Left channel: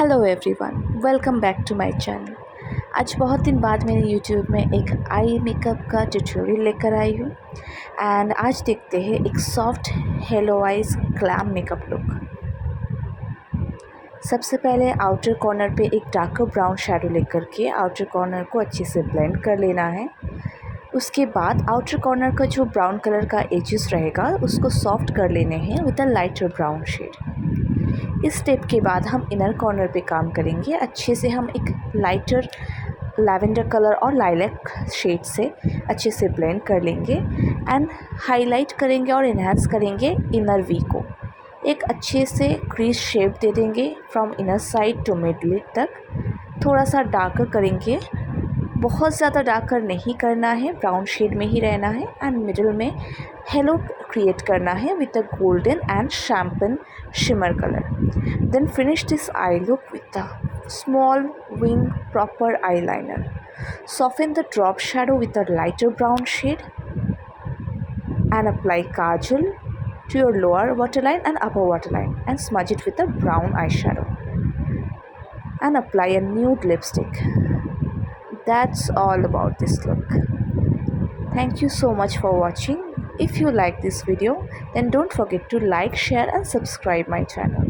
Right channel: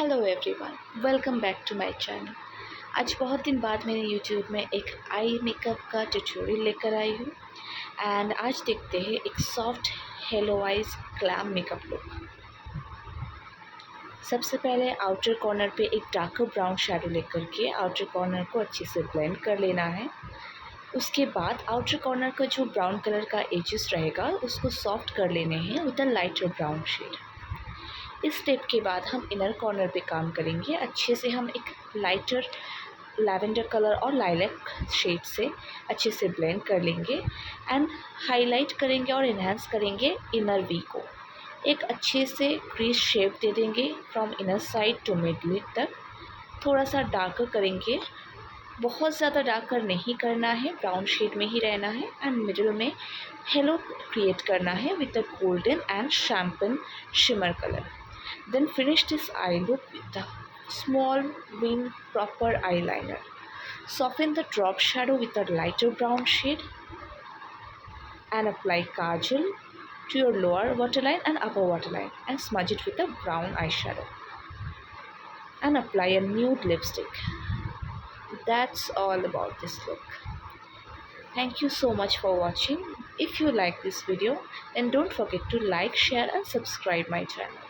Hello everyone, welcome back to my channel. आज बहुत दिन बाद मैंने यूट्यूब में एक आई मेकअप का ट्यूटोरियल लेकर आई हूँ एंड आज देखते हैं एक soft hello eyes glam makeup look. सबसे पहले आउटर कॉर्नर पे एक डार्कर ब्राउन शैडो लेकर के आउटर कॉर्नर को अच्छे से ब्लेंड कर लेना है। उसके बाद आउटर कॉर्नर का जो ब्राउन कलर का एजेस रहेगा उसको सॉफ्ट कर लेने हैं with a lighter brown shade. इस स्टेप के बाद हम इनर कॉर्नर पे काम करेंगे। अच्छे से हम एक लाइटर लैवेंडर कलर और लाइलैक शेड से अच्छे से ब्लेंड कर लेंगे एंड हाईलाइट करेंगे और इन्हांस करेंगे इनर वी को। एक अच्छे से क्रीज शेप दे देंगे from inner side to mid lid तक। थोड़ा सा डार्कर करेंगे, बहुत ज़्यादा डार्कर नहीं करना है, ब्राउन शेड में ही रहना है एंड मिडिल में हेलो क्रिएट करना है with a golden and champagne shimmer colour. Then finish this eye look with a small wing proper eyeliner. Soften the drop shadow with a lighter brown shade and apply kajal to your lower waterline and upper waterline and smudge it with a brown eyeshadow and apply a nude lipstick. That's all about this look. Thank you so much for watching. If you like this video, then don't forget to like, share and subscribe my channel.